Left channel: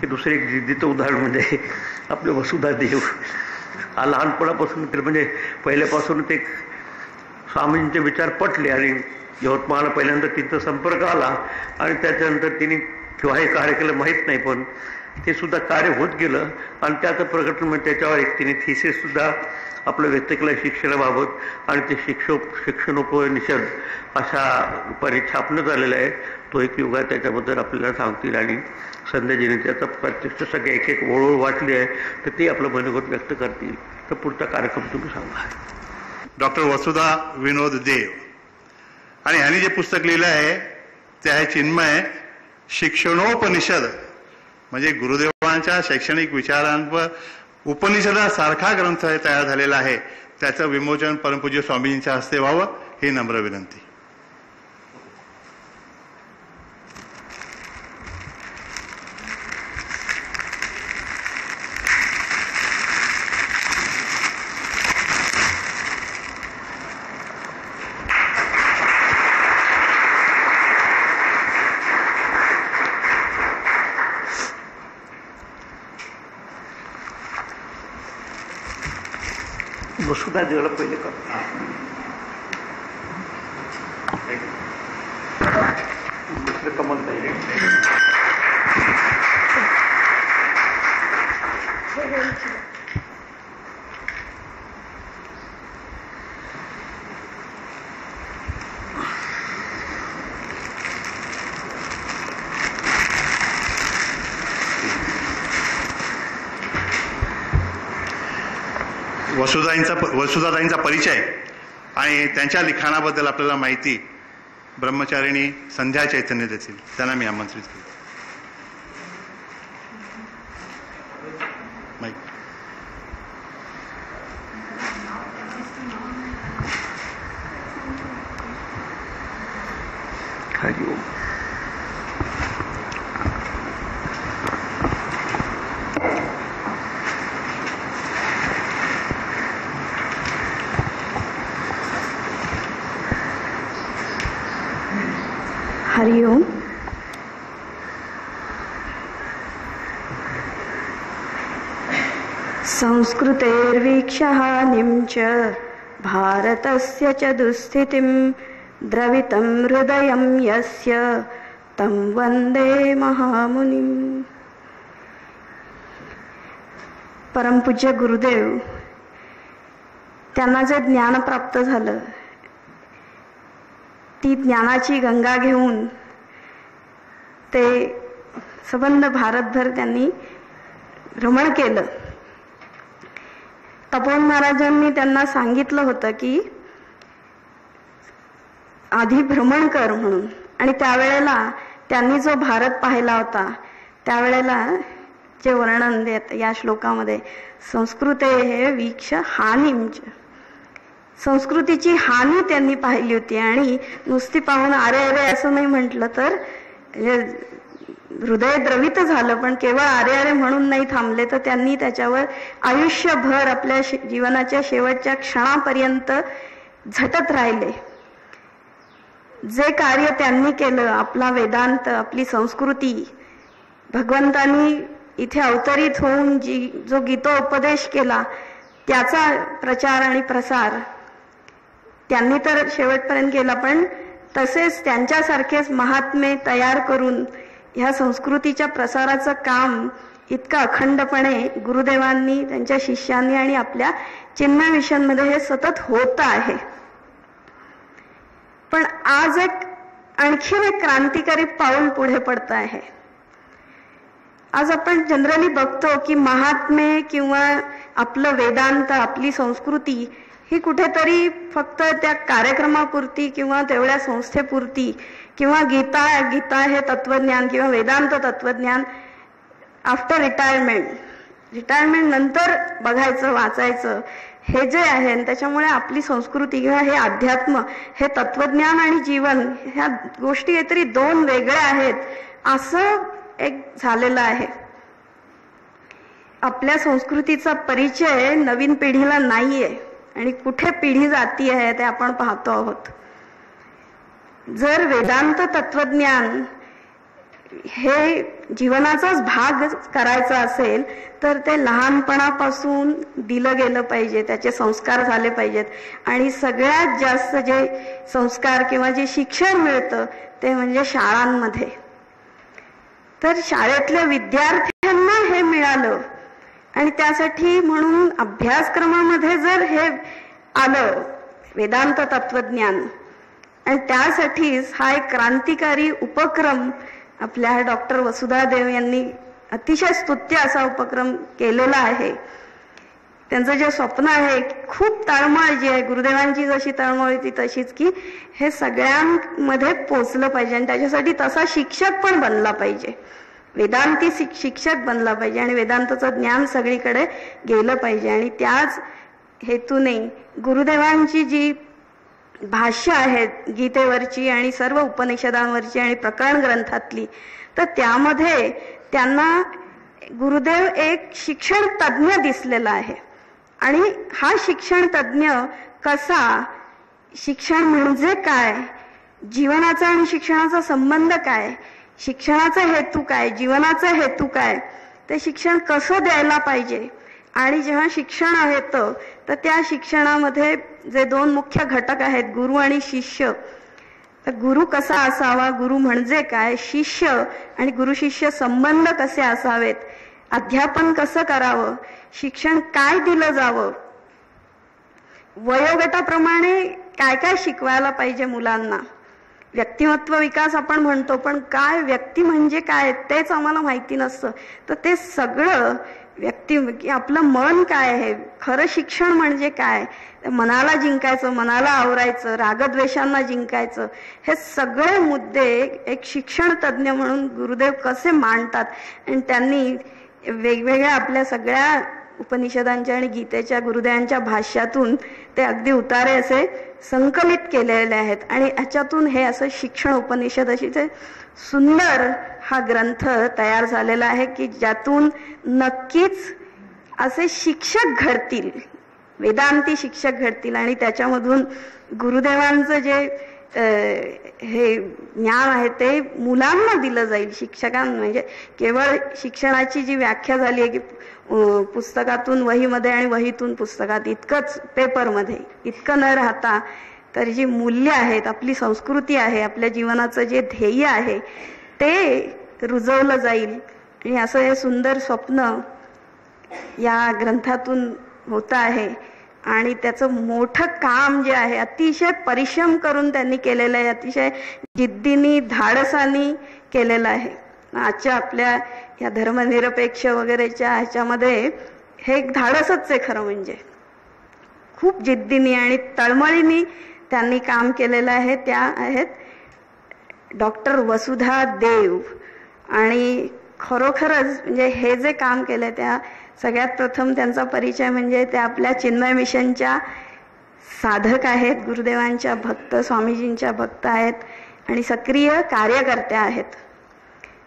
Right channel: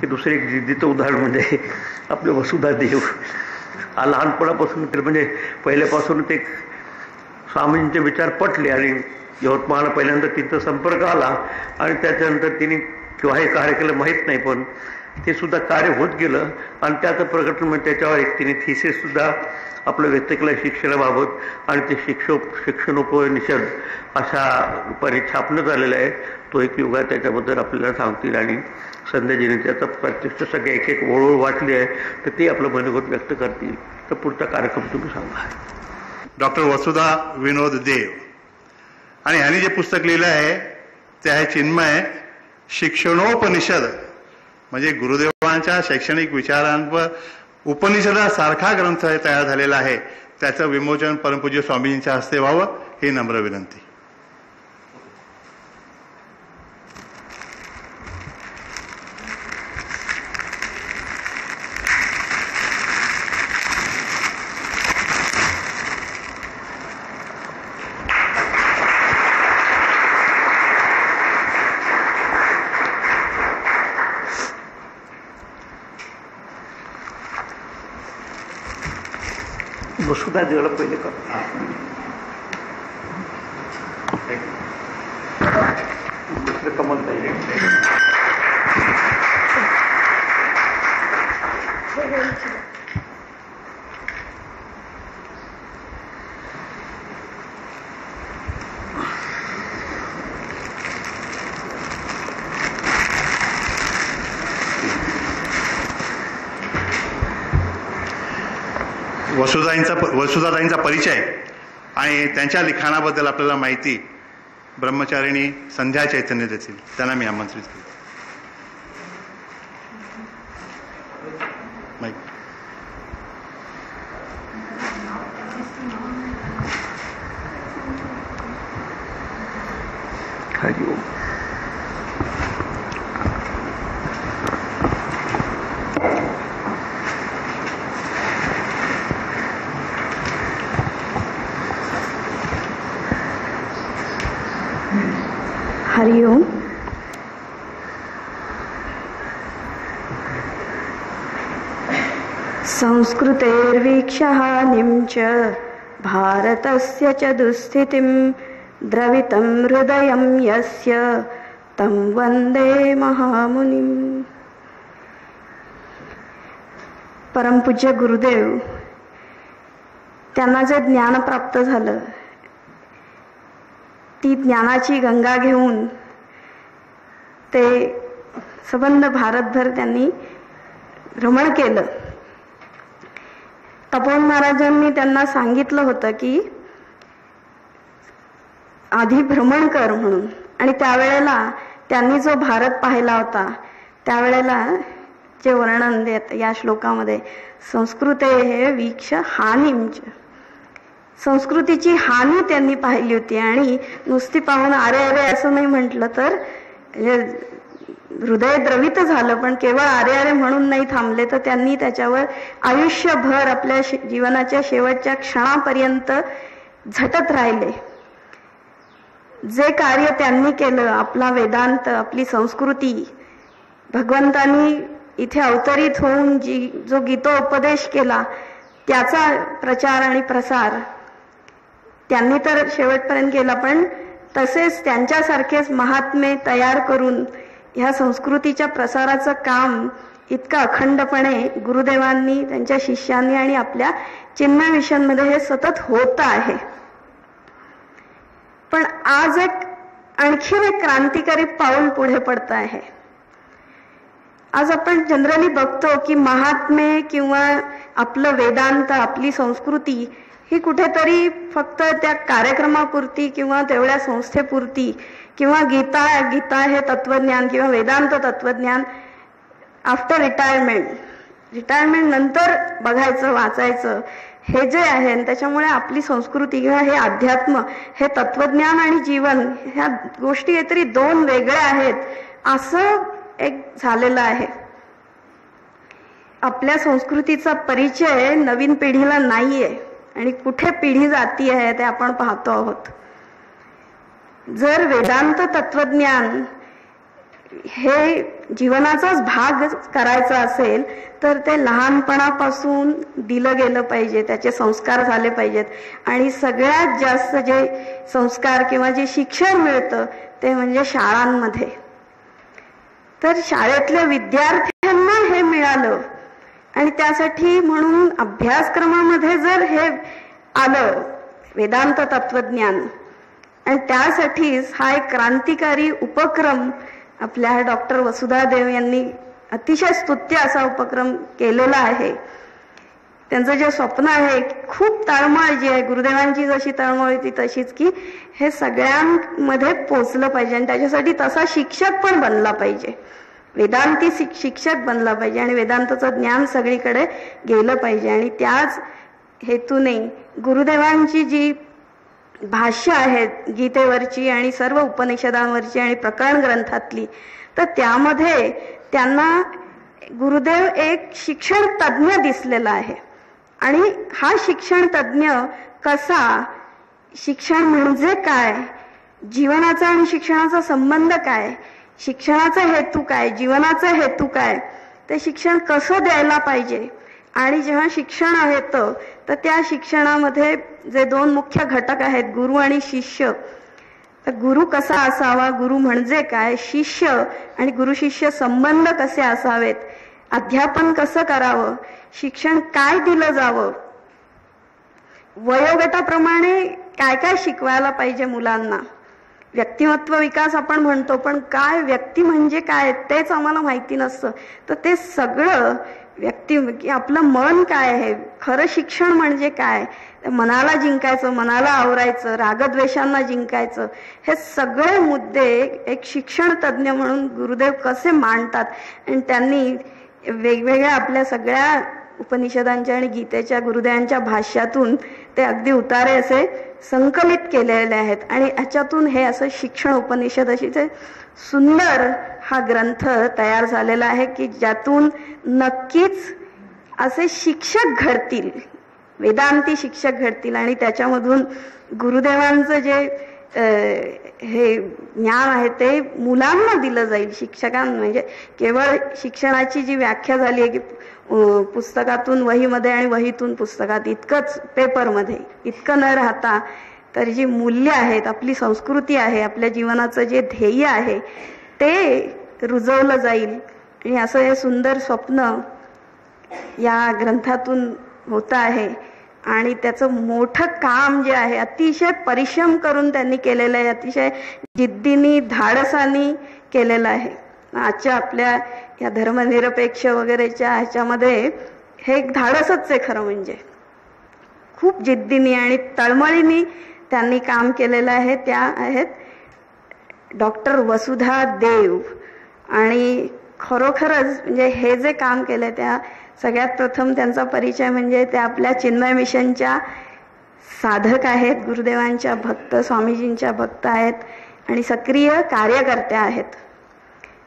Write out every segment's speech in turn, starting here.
की दुसरे एक जिद्दीचं उदाहरण म्हणजे आपले वसुधा देव. हा लहानपणापासून म्हणजे पहिल्यापासूनच एक स्वामींचे विचार पटले आणि यवतमाळला पहिल्यांदा तिथं संपर्क आला आणि त्याच्यानंतर तिने किंवा हे कार्य केलं माहीत नाही, पण ते सुद्धा कार्य होत गेलं आणि त्याचं प्रकटन म्हणजे त्याच्यावर एक तिने थिसिससुद्धा आपलं व्यक्त केलं शिक्षणाबाबत आणि ते शिक्षणोपनिषद अशा रूपाने छापण्यात आलेलं आहे. तो एक युग आहे, त्याच्याबद्दल आपल्याला सांगतील आणि संध्याजीने त्याचा प्रत्यक्ष सगळे एक एक ओळोळ वाटली आहे तर ते आपलं मनोगत व्यक्त करतील. तर पुढचा कार्यक्रम तुम्ही सांगा. डॉक्टर वसुधा विनोद देव आणि ह्यांनी जे पुस्तक लिहिलं आहे ते आहे चिन्मय शिक्षणोपनिषद, म्हणजे गुरुदेवांच्या शैक्षणिक विचारांवर उपनिषदासारखा ग्रंथ तयार झालेला आहे. त्याचं विमोचन परमपूज्य स्वामींच्या हस्ते व्हावं ही नम्र विनंती. वसुधा देवाला पहिले कर. कमल नाही वसुधाताईंचा परिचय आणि त्यांच्या लिखाणाबद्दल आपल्याला माहिती ब्रह्मचारिणी संध्या चैतन्य देतील. त्यांना मी आमंत्रित केलं. हरिओम. हरिओम. संस्कृतेर्वीक्षहानिं च भारतस्य च दुःस्थितिं द्रवितं हृदयं यस्य तं वंदे महामुनिं. परमपूज्य गुरुदेव त्यांना जे ज्ञान प्राप्त झालं ती ज्ञानाची गंगा घेऊन ते संबंध भारतभर त्यांनी भ्रमण केलं. तपोवन महाराजांनी त्यांना सांगितलं होतं की आधी भ्रमण कर म्हणून, आणि त्यावेळेला त्यांनी जो भारत पाहिला होता त्यावेळेला जे वर्णन देत या श्लोकामध्ये संस्कृते हे वीक्ष हानिंच, संस्कृतीची हानी त्यांनी पाहिली होती. आणि नुसती पाहून अरे अरे असं नाही म्हटलं तर हृदय द्रवित झालं, पण केवळ अरे अरे म्हणून नाही थांबले, तर त्यांनी त्याच्यावर आयुष्यभर आपल्या जीवनाच्या शेवटच्या क्षणापर्यंत झटत राहिले. जे कार्य त्यांनी केलं, आपला वेदांत, आपली संस्कृती, भगवंतांनी इथे अवतरित होऊन जो गीतोपदेश केला त्याचा प्रचार आणि प्रसार त्यांनी तर शेवटपर्यंत केला, पण तसेच त्यांच्यासारखेच महात्मे तयार करून ह्या संस्कृतीच्या प्रसाराचं काम इतकं अखंडपणे गुरुदेवांनी, त्यांच्या शिष्यांनी आणि आपल्या चिन्मय मिशनमध्ये हे सतत होत आहे. पण आज आणखी एक क्रांतिकारी पाऊल पुढे पडत आहे. आज आपण जनरली बघतो की महात्मे किंवा आपलं वेदांत, आपली संस्कृती ही कुठेतरी फक्त त्या कार्यक्रमापुरती किंवा तेवढ्या संस्थेपुरती, किंवा गीता हे तत्वज्ञान किंवा वेदांत तत्वज्ञान आफ्टर रिटायरमेंट नंतर बघायचं, वाचायचं हे जे आहे. त्याच्यामुळे आपली संस्कृती किंवा हे अध्यात्म, हे तत्वज्ञान आणि जीवन ह्या गोष्टी काहीतरी दोन वेगळ्या आहेत असं एक झालेलं आहे. आपल्या संस्कृतीचा परिचय नवीन पिढीला नाहीये आणि कुठे पिढी जाती आहे ते आपण पाहतो आहोत. जर वेदांत तत्वज्ञान हे जीवनाचाच भाग करायचा असेल तर ते लहानपणापासून दिलं गेलं पाहिजे, त्याचे संस्कार झाले पाहिजेत. आणि सगळ्यात जास्त जे संस्कार किंवा जे शिक्षण मिळतं ते म्हणजे शाळांमध्ये. तर शाळेतल्या विद्यार्थ्यांना हे मिळालं आणि त्यासाठी म्हणून अभ्यासक्रमामध्ये जर हे आलं वेदांत तत्वज्ञान, आणि त्यासाठीच हा एक क्रांतिकारी उपक्रम आपल्या डॉक्टर वसुधा देव यांनी अतिशय स्तुत्य असा उपक्रम केलेला आहे. त्यांचं जे स्वप्न आहे, खूप तळमळ जी आहे, गुरुदेवांची जशी तळमळ होती तशीच, की हे सगळ्यांमध्ये पोचलं पाहिजे आणि त्याच्यासाठी तसा शिक्षक पण बनला पाहिजे, वेदांती शिक्षक बनला पाहिजे आणि वेदांताचं ज्ञान सगळीकडे गेलं पाहिजे. आणि त्याच हेतूने गुरुदेवांची जी भाष्य आहेत गीतेवरची आणि सर्व उपनिषदांवरची आणि प्रकरण ग्रंथातली, तर त्यामध्ये त्यांना गुरुदेव एक शिक्षण तज्ज्ञ दिसलेला आहे. आणि हा शिक्षण तज्ज्ञ कसा, शिक्षण म्हणजे काय, जीवनाचा आणि शिक्षणाचा संबंध काय, शिक्षणाचा हेतू काय, जीवनाचा हेतू काय, ते शिक्षण कसं द्यायला पाहिजे. आणि जेव्हा शिक्षण येतं तर त्या शिक्षणामध्ये जे दोन मुख्य घटक आहेत, गुरु आणि शिष्य, तर गुरु कसा असावा, गुरु म्हणजे काय, शिष्य आणि गुरु शिष्य संबंध कसे असावेत, अध्यापन कसं करावं, शिक्षण काय दिलं जावं, वयोगटाप्रमाणे काय काय शिकवायला पाहिजे मुलांना. व्यक्तिमत्व विकास आपण म्हणतो, पण काय व्यक्ती म्हणजे काय तेच आम्हाला माहिती नसतं. तर ते सगळं व्यक्ती, आपलं मन काय आहे, खरं शिक्षण म्हणजे काय, मनाला जिंकायचं, मनाला आवरायचं, रागद्वेषांना जिंकायचं, हे सगळे मुद्दे एक शिक्षण तज्ज्ञ म्हणून गुरुदेव कसे मांडतात. आणि त्यांनी वेगवेगळ्या आपल्या सगळ्या उपनिषदांच्या आणि गीतेच्या गुरुदेवांच्या भाष्यातून ते अगदी उतारे असे संकलित केलेले आहेत. आणि याच्यातून हे असं शिक्षण उपनिषद अशी ते सुंदर हा ग्रंथ तयार झालेला आहे, की ज्यातून नक्कीच असे शिक्षक घडतील, वेदांती शिक्षक घडतील. आणि त्याच्यामधून गुरुदेवांचं जे हे ज्ञान आहे ते मुलांना दिलं जाईल. शिक्षकांना म्हणजे केवळ शिक्षणाची जी व्याख्या झाली आहे की पुस्तकातून वहीमध्ये आणि वहीतून पुस्तकात इतकंच, पेपरमध्ये इतकं न राहता, तर जी मूल्य आहेत, आपली संस्कृती आहे, आपल्या जीवनाचं जे ध्येय आहे ते रुजवलं जाईल. आणि असं हे सुंदर स्वप्न या ग्रंथातून होतं आहे. आणि त्याचं मोठं काम जे आहे, अतिशय परिश्रम करून त्यांनी केलेलं आहे, अतिशय जिद्दीने धाडसाने केलेलं आहे. आजच्या आपल्या या धर्मनिरपेक्ष वगैरेच्या ह्याच्यामध्ये हे एक धाडसच आहे खरं म्हणजे. खूप जिद्दीने आणि तळमळीने त्यांनी काम केलेलं आहे. त्या आहेत डॉक्टर वसुधा देव. आणि खरोखरच म्हणजे हे जे काम केलं त्या सगळ्यात प्रथम त्यांचा परिचय म्हणजे ते आपल्या चिन्मय मिशनच्या साधक आहेत, गुरुदेवांच्या भक्त, स्वामीजींच्या भक्त आहेत आणि सक्रिय कार्यकर्त्या आहेत.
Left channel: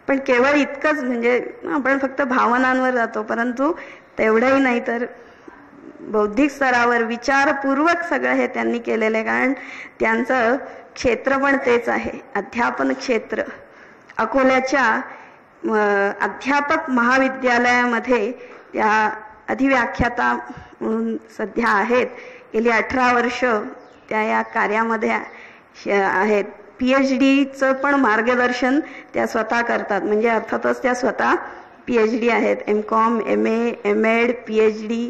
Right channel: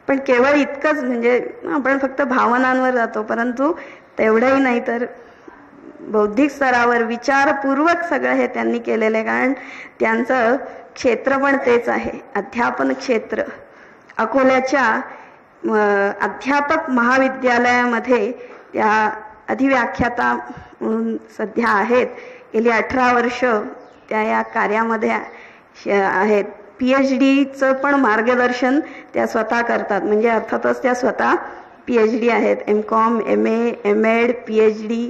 पण केवळ इतकंच म्हणजे आपण फक्त भावनांवर जातो, परंतु तेवढंही नाही, तर बौद्धिक स्तरावर विचारपूर्वक सगळं हे त्यांनी केलेलं आहे. कारण त्यांचं क्षेत्र पण तेच आहे, अध्यापन क्षेत्र. अकोल्याच्या अध्यापक महाविद्यालयामध्ये त्या अधिव्याख्याता म्हणून सध्या आहेत. गेली 18 वर्ष त्या या कार्यामध्ये आहेत. PhDचं पण मार्गदर्शन त्या स्वतः करतात. म्हणजे अर्थातच त्या स्वतः PhD आहेत, MCom, MA, MAd, PhD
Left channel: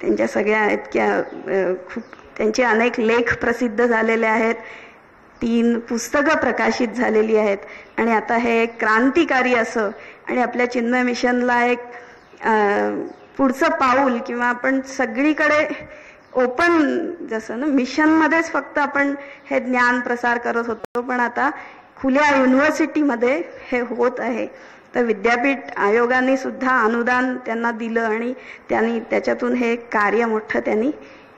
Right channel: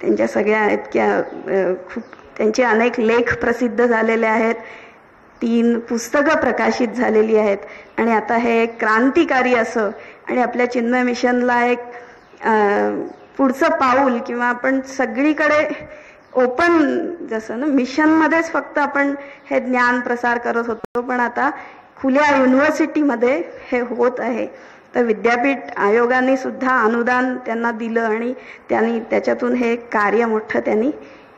त्यांच्या सगळ्या इतक्या खूप, त्यांचे अनेक लेख प्रसिद्ध झालेले आहेत, 3 पुस्तकं प्रकाशित झालेली आहेत. आणि आता हे एक क्रांतिकारी असं आणि आपल्या चिन्मय मिशनला एक पुढचं पाऊल, किंवा आपण सगळीकडे ओपन, जसं ना मिशनमध्येच फक्त आपण हे ज्ञान प्रसार करत होतो, पण आता खुल्या युनिव्हर्सिटीमध्ये हे होत आहे. तर विद्यापीठ आयोगाने सुद्धा अनुदान त्यांना दिलं आणि त्यांनी त्याच्यातून हे कार्य मोठं त्यांनी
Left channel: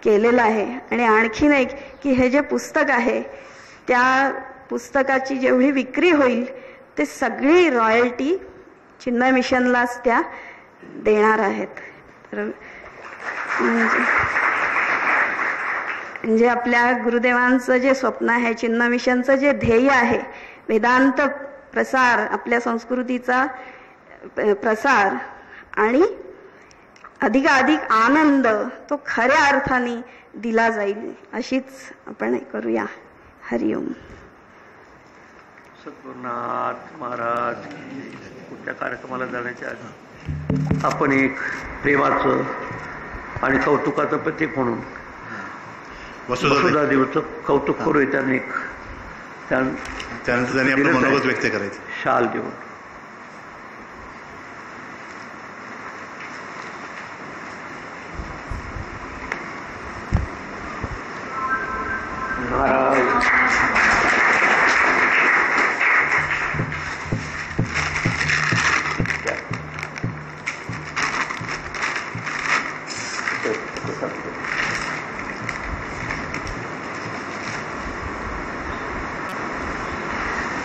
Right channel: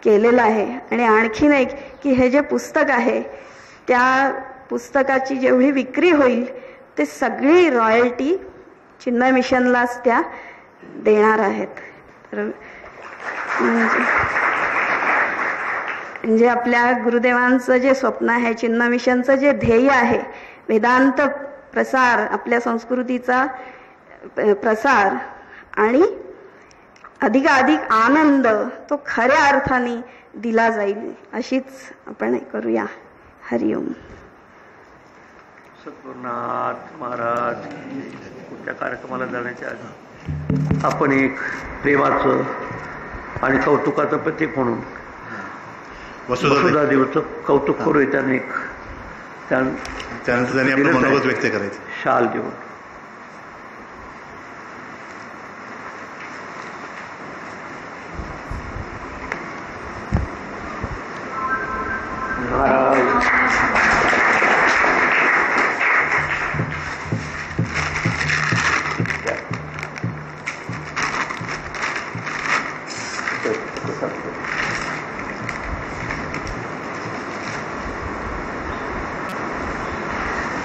केलेलं आहे. आणि आणखीन एक की हे जे पुस्तक आहे त्या पुस्तकाची जेवढी विक्री होईल ते सगळी रॉयल्टी चिन्मय मिशनलाच त्या देणार आहेत. तर म्हणजे आपल्या गुरुदेवांचं जे स्वप्न आहे, चिन्मय मिशनचं जे ध्येय आहे, वेदांत प्रसार, आपल्या संस्कृतीचा प्रसार आणि अधिकाधिक आनंद तो खऱ्या अर्थाने दिला जाईल अशीच आपण करूया. हरिओम. सद्गुरुनाथ महाराज कुठल्या कार्यक्रमाला जाण्याच्या आधी आपण एक प्रेमाचं आणि कौतुकाचं प्रतीक म्हणून वसुधा देवीचं कौतुक करूया. त्यानंतर त्यांनी आपलं मनोगत व्यक्त करायचं शाल देऊन.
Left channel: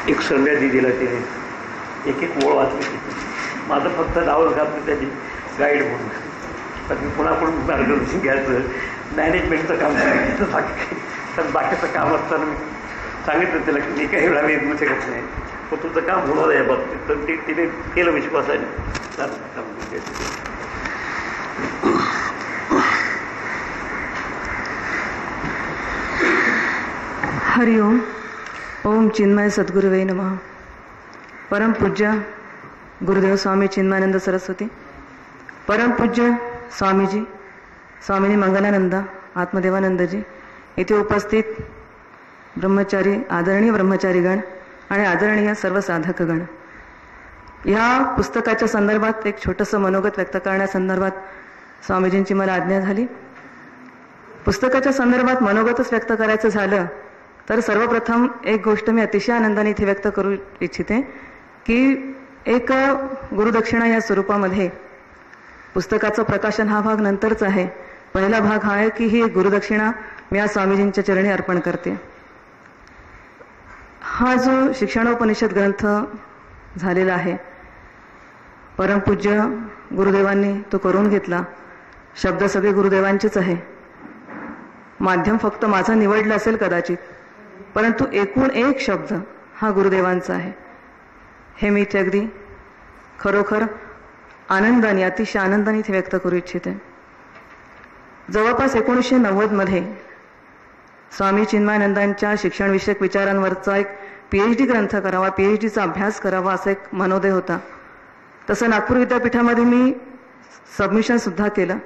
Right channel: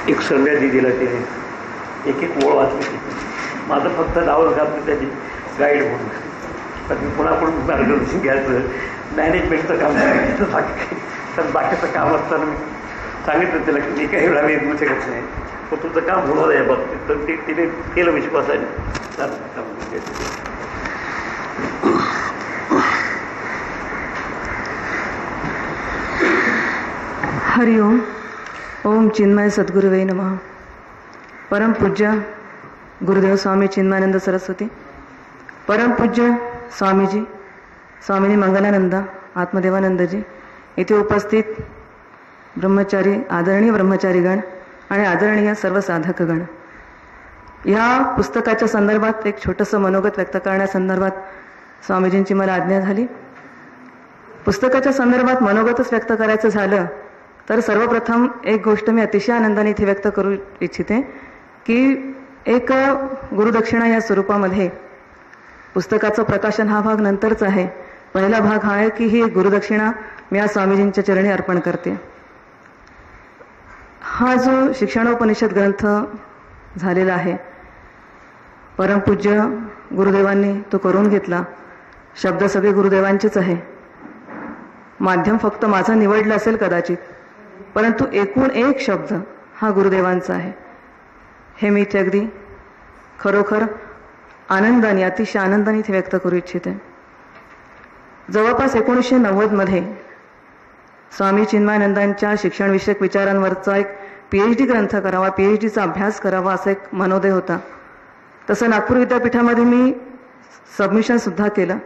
एक संध्या दिदीला तिने एक एक ओळ वाचली. माझं फक्त नाव घातलं त्याची गाईड म्हणून. तर मी पुन्हा मार्गदर्शन घ्यायचं, मॅनेजमेंटचं काम करायचं, बाकीचं काम असताना मी सांगितलं त्याला की मी काही वेळा मी येऊ शकत नाही, पण तुझं काम होणार आहे बाबतीत. तर ते तिने केलं विश्वासाने. हरिओम. ओम चिन्मय सद्गुरुवे नमः. परमपूज्य गुरुदेव स्वामी चिन्मयानंद सरस्वती, परमपूज्य स्वामीजी, स्वामिनी मंगलानंदा, आत्मदेवानंदजी, इथे उपस्थित ब्रह्मचारी, आदरणीय ब्रह्मचारीगण आणि आदरणीय सर्व साधकगण, ह्या पुस्तकाच्या संदर्भात एक छोटंसं मनोगत व्यक्त करण्यासंदर्भात स्वामीजींची मला आज्ञा झाली. पुस्तकाच्या संदर्भात मनोगतच व्यक्त करायचं झालं तर सर्वप्रथम एक गोष्ट मी अतिशय आनंदाने इथे व्यक्त करू इच्छिते की एक गुरुदक्षिणा या स्वरूपामध्ये पुस्तकाचं प्रकाशन हा भाग नंतरच आहे. पहिला भाग हा आहे की ही एक गुरुदक्षिणा मी या स्वामीजींच्या चरणी अर्पण करते. हा जो शिक्षणोपनिषद ग्रंथ झालेला आहे, परमपूज्य गुरुदेवांनी तो करून घेतला. शब्द सगळे गुरुदेवांचेच आहे, माध्यम फक्त माझं निवडलं असेल कदाचित, परंतु एकूण एक शब्द हा गुरुदेवांचा आहे. हे मी इथे अगदी खरोखर आनंदाने, अतिशय आनंदाने इथे व्यक्त करू इच्छिते. जवळपास 1990 स्वामी चिन्मयानंदांच्या शिक्षणविषयक विचारांवरचा एक PhD ग्रंथ करावा, PhDचा अभ्यास करावा असा एक मनोदय होता. तसं नागपूर विद्यापीठामध्ये मी सबमिशनसुद्धा केलं,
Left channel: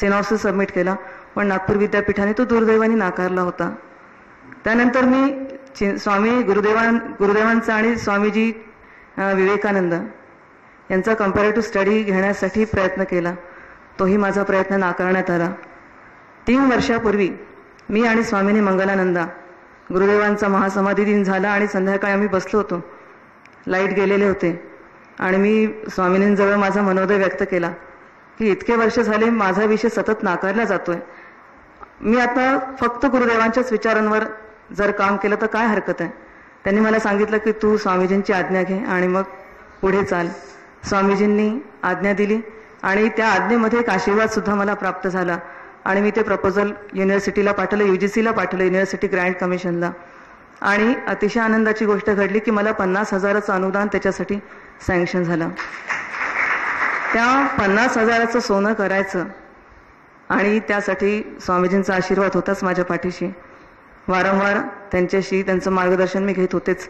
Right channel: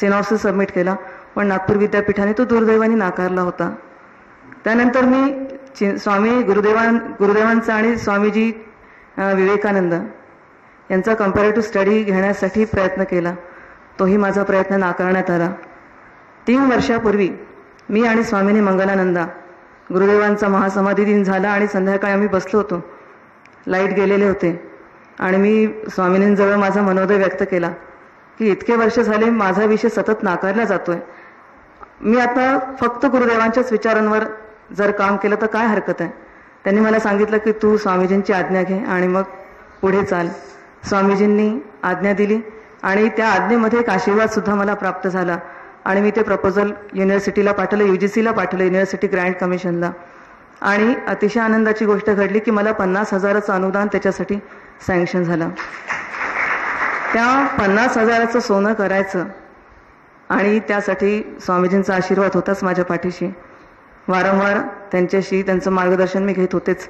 सिनॉप्सिस सबमिट केला, पण नागपूर विद्यापीठाने तो दुर्दैवाने नाकारला होता. त्यानंतर मी स्वामी गुरुदेवांचा आणि स्वामीजी विवेकानंद यांचा कंपॅरेटिव्ह स्टडी घेण्यासाठी प्रयत्न केला. तोही माझा प्रयत्न नाकारण्यात आला. 3 वर्षापूर्वी मी आणि स्वामिनी मंगलानंदा, गुरुदेवांचा महासमाधी दिन झाला आणि संध्याकाळी आम्ही बसलो होतो, लाईट गेलेले होते आणि मी स्वामिनींजवळ माझा मनोदय व्यक्त केला की इतके वर्ष झाले माझा विषय सतत नाकारला जातोय, मी आता फक्त गुरुदेवांच्याच विचारांवर जर काम केलं तर काय हरकत आहे. त्यांनी मला सांगितलं की तू स्वामीजींची आज्ञा घे आणि मग पुढे चाल. स्वामीजींनी आज्ञा दिली आणि त्या आज्ञेमध्ये एक आशीर्वाद सुद्धा मला प्राप्त झाला आणि मी ते प्रपोजल युनिव्हर्सिटीला पाठवलं, UGCला पाठवलं, युनिव्हर्सिटी ग्रँट कमिशनला. आणि अतिशय आनंदाची गोष्ट घडली की मला 50,000चं अनुदान त्याच्यासाठी सँक्शन झालं. त्या 50,000चं सोनं करायचं आणि त्यासाठी स्वामीजींचा आशीर्वाद होताच माझ्या पाठीशी. वारंवार त्यांच्याशी त्यांचं मार्गदर्शन मी घेत होतेच.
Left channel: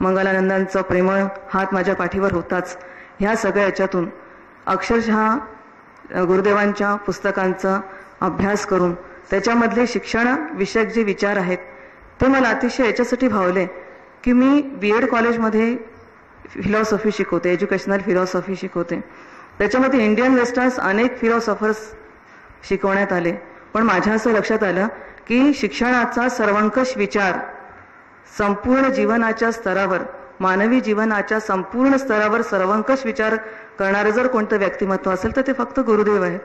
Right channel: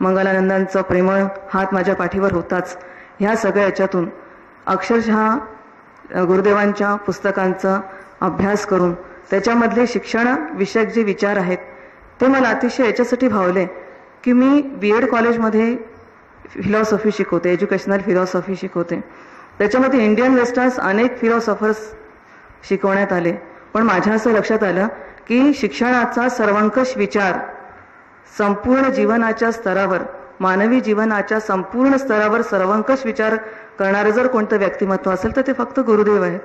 मंगलानंदांचा प्रेमळ हात माझ्या पाठीवर होताच. ह्या सगळ्या याच्यातून अक्षरशः गुरुदेवांच्या पुस्तकांचा अभ्यास करून त्याच्यामधले शिक्षण विषयक जे विचार आहेत ते मला अतिशय याच्यासाठी भावले की मी BEd कॉलेजमध्ये फिलॉसॉफी शिकवते, एज्युकेशनल फिलॉसॉफी शिकवते. त्याच्यामध्ये इंडियन वेस्टर्न्स अनेक फिलॉसॉफर्स शिकवण्यात आले, पण माझ्या असं लक्षात आलं की शिक्षणाचा सर्वंकष विचार संपूर्ण जीवनाच्या स्तरावर, मानवी जीवनाच्या संपूर्ण स्तरावर सर्वंकष विचार करणारं जर कोणतं व्यक्तिमत्व असेल तर ते फक्त गुरुदेव आहेत.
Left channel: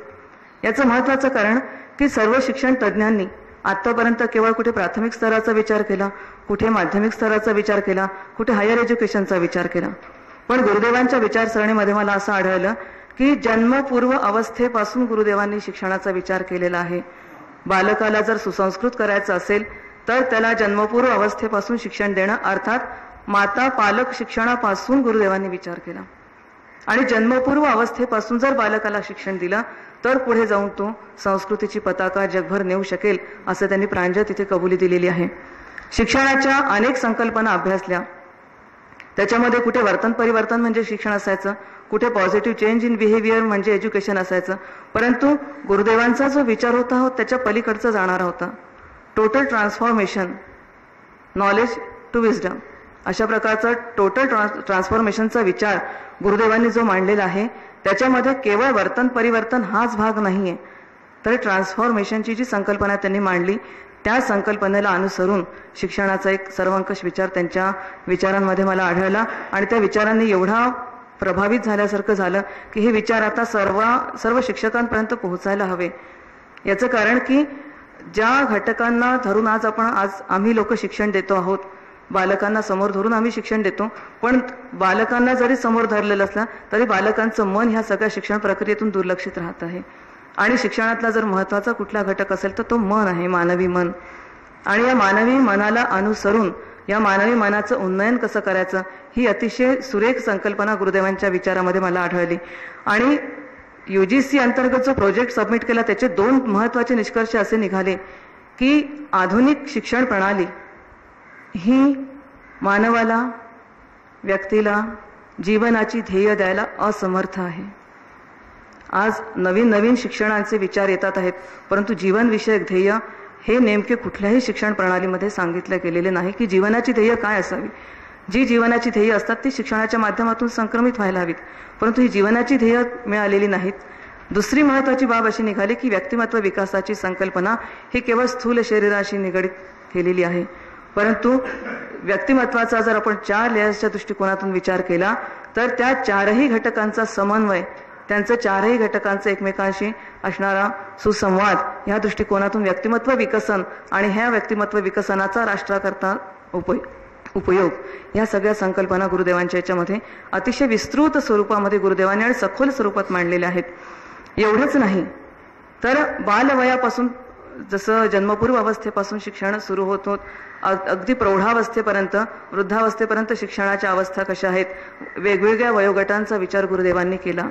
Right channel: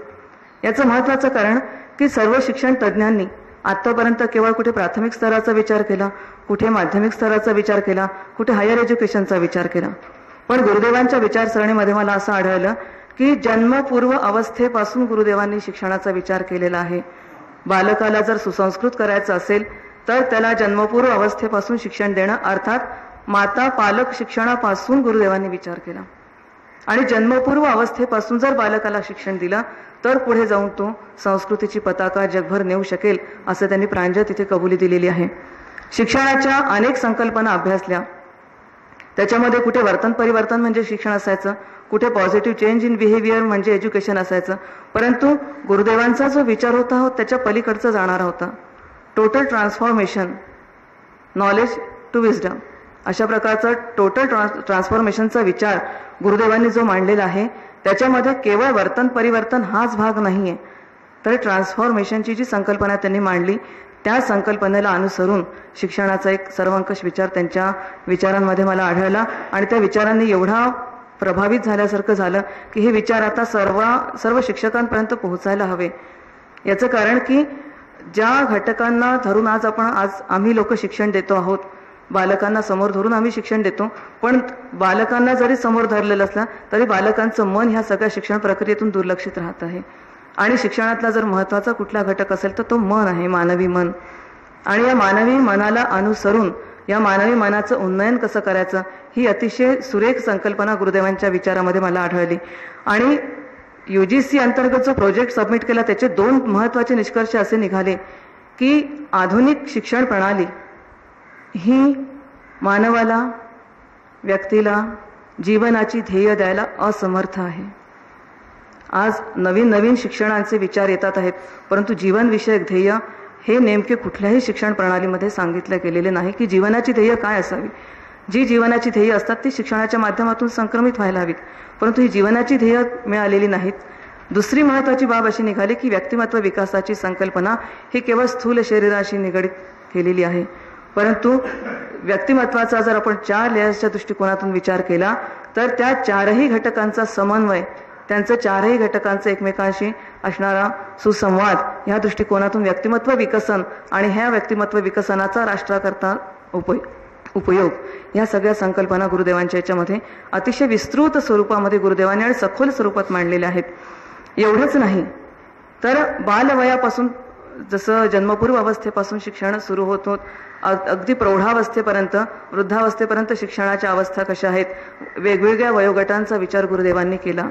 याचं महत्त्वाचं कारण की सर्व शिक्षण तज्ज्ञांनी आत्तापर्यंत केवळ कुठे प्राथमिक स्तराचा विचार केला, कुठे माध्यमिक स्तराचा विचार केला, कुठे हायर एज्युकेशनचा विचार केला, पण गुरुदेवांच्या विचारसरणीमध्ये मला असं आढळलं की जन्मपूर्व अवस्थेपासून गुरुदेवांनी शिक्षणाचा विचार केलेला आहे. बालकाला जर सुसंस्कृत करायचं असेल तर त्याला जन्मपूर्व अवस्थेपासून शिक्षण देणं, अर्थात माता पालक शिक्षणापासून गुरुदेवांनी विचार केला आणि जन्मपूर्व अवस्थेपासून जर बालकाला शिक्षण दिलं तर पुढे जाऊन तो संस्कृतीची पताका जगभर नेऊ शकेल असं त्यांनी प्रांजळ तिथे कबुली दिलेली आहे. शिक्षणाच्या अनेक संकल्पना अभ्यासल्या. त्याच्यामध्ये कुठे वर्तन परिवर्तन म्हणजे शिक्षण असायचं, कुठे पॉझिटिव्ह चेंज इन बिहेवियर म्हणजे एज्युकेशन असायचं. परंतु गुरुदेवांचा जो विचार होता त्याच्या पलीकडचा जाणारा होता. Total transformation, knowledge to wisdom, अशा प्रकारचा टोटल ट्रान्सफॉर्मेशनचा विचार गुरुदेवांनी जो मांडलेला आहे त्याच्यामध्ये केवळ वर्तन परिवर्तन हाच भाग नाही आहे, तर ट्रान्सफॉर्मेशनची जी संकल्पना त्यांनी मांडली त्या संकल्पनेला अनुसरून शिक्षणाचा एक सर्वंकष विचार त्यांच्या विचारांमध्ये मला आढळला आणि त्या विचारांनी एवढा प्रभावित झाल्यासारखं झालं की हे विचार आता सर्व शिक्षकांपर्यंत पोहोचायला हवे. याचं कारण की ज्या घटकांना धरून आज आम्ही लोक शिक्षण देतो आहोत, बालकांना समोर धरून आम्ही शिक्षण देतो, पण बालकांना जरी समोर धरलेलं असलं तरी बालकांचं मन ह्या सगळ्या शिक्षण प्रक्रियेतून दुर्लक्षित राहत आहे. आणि शिक्षणातला जर महत्त्वाचा कुठला घटक असेल तर तो मन आहे, मानवी मन. आणि या मानवी मनाला अनुसरून या मानवी मनाचं उन्नयन कसं करायचं ही अतिशय सुरेख संकल्पना गुरुदेवांच्या विचारामध्ये मला आढळली. आणि UGC अंतर्गत जो प्रोजेक्ट सबमिट केला त्याचे 2 महत्त्वाचे निष्कर्ष असे निघाले की आधुनिक शिक्षण प्रणाली ही मानवाला, व्यक्तीला जीवनाची ध्येय द्यायला असमर्थ आहे. आज नवीन शिक्षणाचे विचार येतात आहेत, परंतु जीवनविषयक ध्येय हे नेमके कुठल्याही शिक्षण प्रणालीमध्ये सांगितले गेलेले नाही की जीवनाची ध्येय काय असावी. जी जीवनाची ध्येय असतात ती शिक्षणाच्या माध्यमातून संक्रमित व्हायला हवीत, परंतु ही जीवनाची ध्येय मिळालेली नाहीत. दुसरी महत्त्वाची बाब अशी निघाली की व्यक्तिमत्व विकासाची संकल्पना ही केवळ स्थूल शरीराशी निगडीत केलेली आहे, परंतु व्यक्तिमत्वाचा जर आपण 4 लेयर्सच्या दृष्टिकोनातून विचार केला तर त्या 4ही घटकांचा समन्वय, त्यांचं 4ही घटकांचं एकमेकांशी असणारा सुसंवाद ह्या दृष्टिकोनातून व्यक्तिमत्व विकसन आणि ह्या व्यक्तिमत्व विकसनाचा राष्ट्राकरता उपयोग ह्या सगळ्या संकल्पना गुरुदेवांच्या याच्यामध्ये अतिशय विस्तृत स्वरूपामध्ये गुरुदेवांनी आणि सखोल स्वरूपात मांडलेल्या आहेत. एवढंच नाही तर बालवयापासून जसं जन्मपूर्व अवस्थेपासून शिक्षण सुरू होत अगदी प्रौढावस्थेपर्यंत, वृद्धावस्थेपर्यंत शिक्षणाच्या अवस्था कशा आहेत, वेगवेगळ्या वयोगटांचा विचार गुरुदेवांनी केला.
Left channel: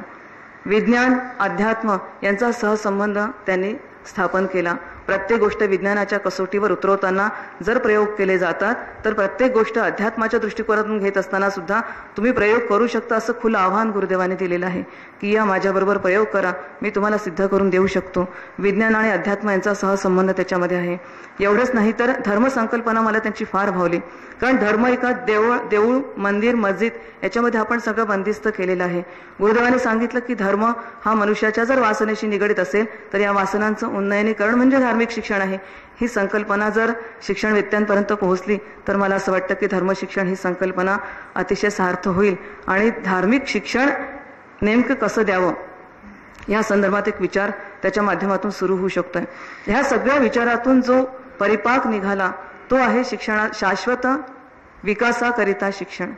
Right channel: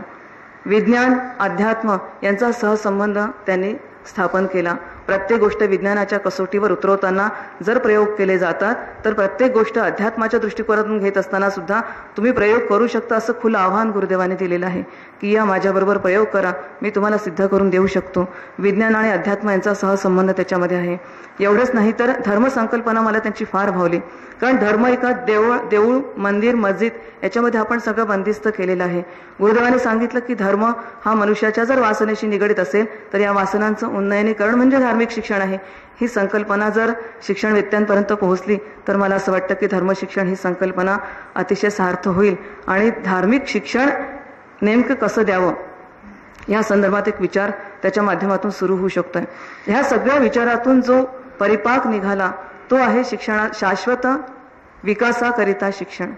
विज्ञान अध्यात्म यांचा सहसंबंध त्यांनी स्थापन केला. प्रत्येक गोष्ट विज्ञानाच्या कसोटीवर उतरवताना जर प्रयोग केले जातात तर प्रत्येक गोष्ट अध्यात्माच्या दृष्टिकोनातून घेत असताना सुद्धा तुम्ही प्रयोग करू शकता असं खुलं आव्हान गुरुदेवांनी दिलेलं आहे की या माझ्याबरोबर प्रयोग करा, मी तुम्हाला सिद्ध करून देऊ शकतो. विज्ञान आणि अध्यात्म यांचा सहसंबंध त्याच्यामध्ये आहे. एवढंच नाही तर धर्मसंकल्पना मला त्यांची फार भावली, कारण धर्म एका देऊळ मंदिर मस्जिद याच्यामध्ये आपण सगळं बंदिस्त केलेलं आहे. गुरुदेवांनी सांगितलं की धर्म हा मनुष्याच्या जर वासनेशी निगडीत असेल तर या वासनांचं उन्नयनीकरण म्हणजे धार्मिक शिक्षण आहे. ही संकल्पना जर शिक्षणवेत्त्यांपर्यंत पोहोचली तर मला असं वाटतं की धर्मशिक्षण ही संकल्पना अतिशय सार्थ होईल आणि धार्मिक शिक्षण नेमकं कसं द्यावं या संदर्भात एक विचार त्याच्या माध्यमातून सुरू होऊ शकतोय. ह्या सगळ्या विचारातून जो परिपाक निघाला तो आहे शिक्षणात शाश्वत विकासाकरिता शिक्षण.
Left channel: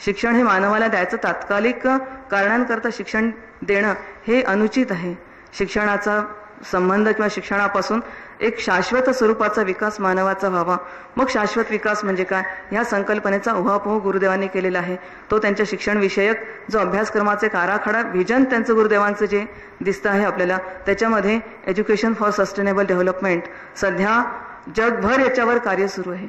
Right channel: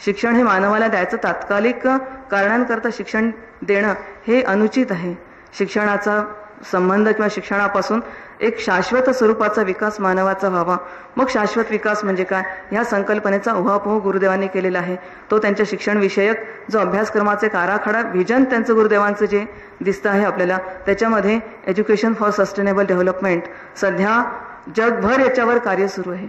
शिक्षण हे मानवाला द्यायचं तात्कालिक कारणांकरता शिक्षण देणं हे अनुचित आहे. शिक्षणाचा संबंध किंवा शिक्षणापासून एक शाश्वत स्वरूपाचा विकास मानवाचा व्हावा. मग शाश्वत विकास म्हणजे काय ह्या संकल्पनेचा उहापोह गुरुदेवांनी केलेला आहे. तो त्यांच्या शिक्षण विषयक जो अभ्यासक्रमाचे आराखडा व्हिजन त्यांचं गुरुदेवांचं जे दिसतं आहे आपल्याला त्याच्यामध्ये एज्युकेशन फॉर सस्टेनेबल डेव्हलपमेंट सध्या जगभर याच्यावर कार्य सुरू आहे.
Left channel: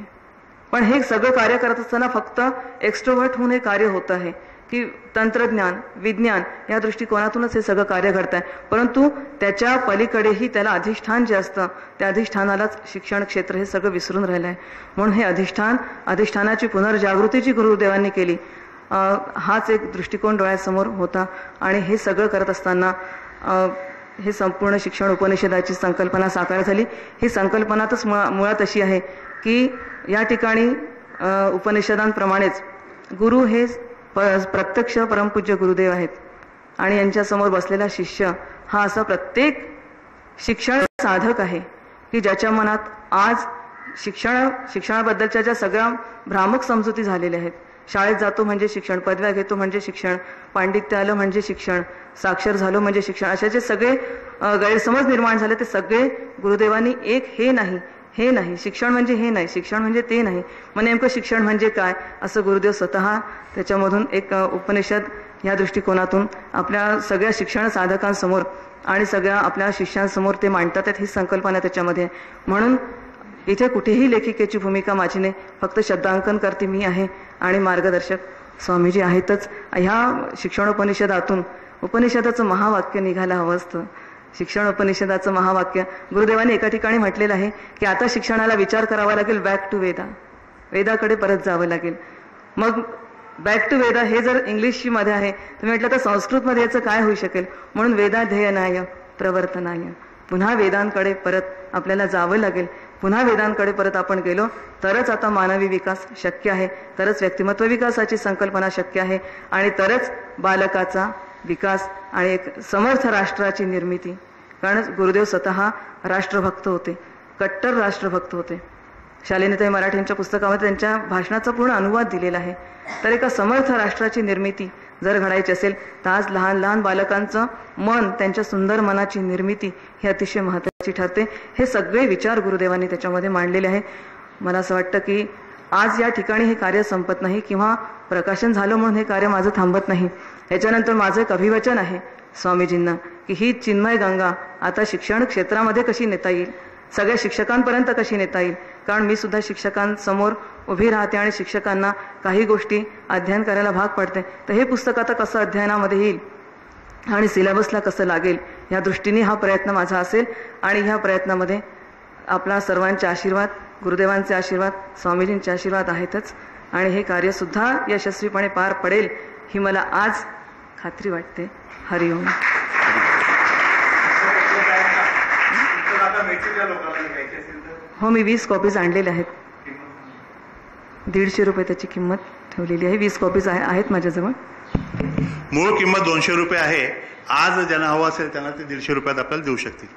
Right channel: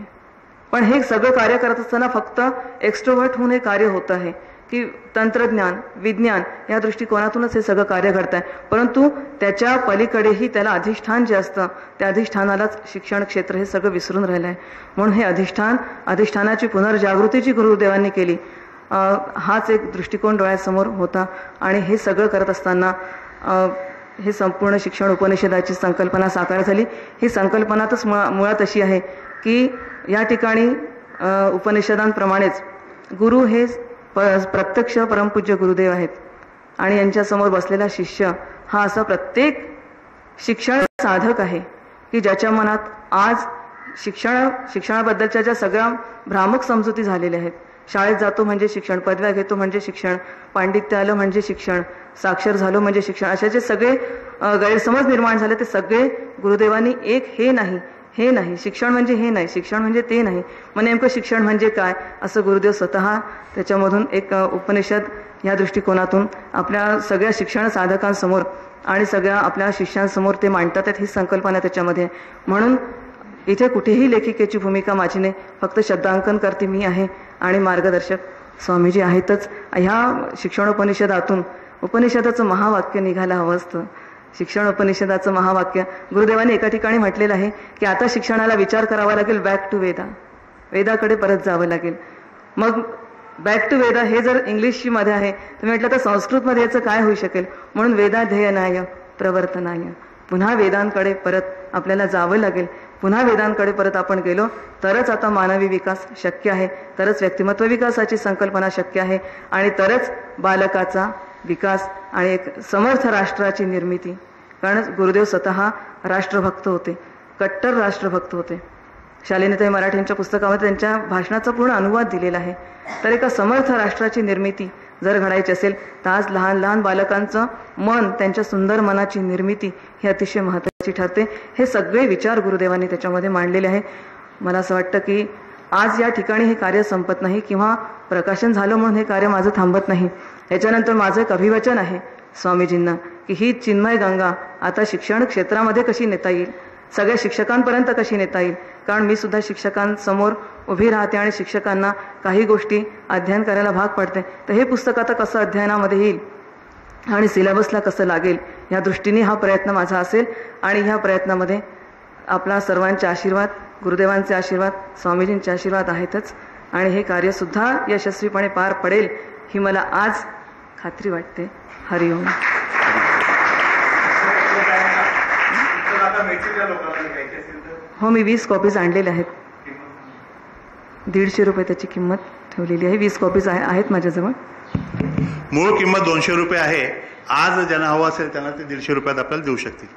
पण हे सगळं कार्य करत असताना फक्त एक्स्ट्रोव्हर्ट होऊन हे कार्य होत आहे की तंत्रज्ञान विज्ञान या दृष्टिकोनातूनच हे सगळं कार्य घडत आहे, परंतु त्याच्या पलीकडेही त्याला अधिष्ठान जे असतं त्या अधिष्ठानालाच शिक्षण क्षेत्र हे सगळं विसरून राहिलं आहे. म्हणून हे अधिष्ठानाची पुनर्जागृती जी गुरुदेवांनी केली हाच एक दृष्टिकोन डोळ्यासमोर होता. आणि हे सगळं करत असताना हे संपूर्ण शिक्षण उपनिषदाची संकल्पना साकार झाली. ही संकल्पनातच मुळात अशी आहे की या ठिकाणी उपनिषदांप्रमाणेच गुरु हे प्रत्यक्ष परमपूज्य गुरुदेव आहेत आणि यांच्यासमोर बसलेला शिष्य हा असा प्रत्येक शिक्षण साधक आहे की ज्याच्या मनात आज शिक्षणाबद्दलच्या ज्या सगळ्या भ्रामक समजुती झालेल्या आहेत. शाळेत जातो म्हणजे शिक्षण, पदव्या घेतो म्हणजे शिक्षण, पांडित्य आलं म्हणजे शिक्षण, साक्षर झालो म्हणजे शिक्षण, अशा जे सगळे गैरसमज निर्माण झाले ते सगळे गुरुदेवांनी एक हे नाही हे नाही, शिक्षण म्हणजे हे नाही, शिक्षण म्हणजे ते नाही, मग नेमकं शिक्षण म्हणजे काय असं गुरुदेव स्वतः त्याच्यामधून एक उपनिषद या दृष्टिकोनातून आपल्या सगळ्या शिक्षण साधकांसमोर आणि सगळ्या आपल्या शिष्यांसमोर ते मांडतात आहेत. ही संकल्पना त्याच्यामध्ये आहे. म्हणून इथे कुठेही लेखिकेची भूमिका माझी नाही, फक्त शब्दांकन करते मी आहे आणि मार्गदर्शक स्वामीजी आहेतच. ह्या शिक्षणोपनिषदातून उपनिषदाचं महावाक्य निघायला हवं असतं. शिक्षण उपनिषदाचं महावाक्य गुरुदेवांनी एका ठिकाणी म्हटलेलं आहे की आता शिक्षणाला विचार करावा लागेल, बॅक टू वेदा, वेदाकडे परत जावं लागेल. मग बॅक टू वेदा हे जर इंग्लिशमध्ये आहे तर म्हटलं तर संस्कृतमध्ये याचं काय होऊ शकेल. म्हणून वेदाध्ययनाय प्रवर्तनाय, पुन्हा वेदांकडे परत आपल्याला जावं लागेल. पुन्हा वेदांकडे परत आपण गेलो तरच आता मानवी विकास शक्य आहे, तरच व्यक्तिमत्व विकासाची संकल्पना शक्य आहे आणि तरच बालकाचा विकास आणि एक समर्थ राष्ट्राची निर्मिती. कारण गुरुदेव स्वतः राष्ट्रभक्त होते, कट्टर राष्ट्रभक्त होते. शालिनीताई मराठेंच्या पुस्तकामध्ये त्यांच्या भाषणाचा पूर्ण अनुवाद दिलेला आहे. तर एका समर्थ राष्ट्राची निर्मिती जर घडायची असेल तर आज लहान लहान बालकांचं मन, त्यांच्या सुंदर मनाची निर्मिती ही अतिशय महत्त्वाची ठरते. हे सगळे विचार गुरुदेवांनी त्याच्यामध्ये मांडलेले आहे. मला असं वाटतं की आज या ठिकाणी हे कार्य संपत नाही किंवा प्रकाशन झालं म्हणून हे कार्य माझं थांबत नाही. याच्यानंतर माझं एक अभिवचन आहे स्वामीजींना की ही चिन्मय गंगा आता शिक्षण क्षेत्रामध्ये कशी नेता येईल, सगळ्या शिक्षकांपर्यंत कशी नेता येईल. कारण मी सुद्धा शिक्षकांसमोर उभी राहते आणि शिक्षकांना काही गोष्टी अध्ययन करायला भाग पडते. तर हे पुस्तक आता कसं अध्ययनामध्ये येईल आणि सिलेबसला कसं लागेल या दृष्टीने हा प्रयत्न माझा असेल. आणि ह्या प्रयत्नामध्ये आपला सर्वांचे आशीर्वाद, गुरुदेवांचे आशीर्वाद, स्वामीजींचे आशीर्वाद आहेतच. आणि हे कार्यसुद्धा यशस्वीपणे पार पडेल ही मला आज खात्री वाटते. हरिओम. हो, मी 20 कॉपीज आणलेल्या आहेत. 150 रुपये त्याची किंमत ठेवलेली आहे. 20 कॉपीज आहेत माझ्याजवळ. मूळ किंमत 200 रुपये आहे. आज ज्यांना हवं असेल त्यांना ते 150 रुपयात आपल्याला देऊ शकतील.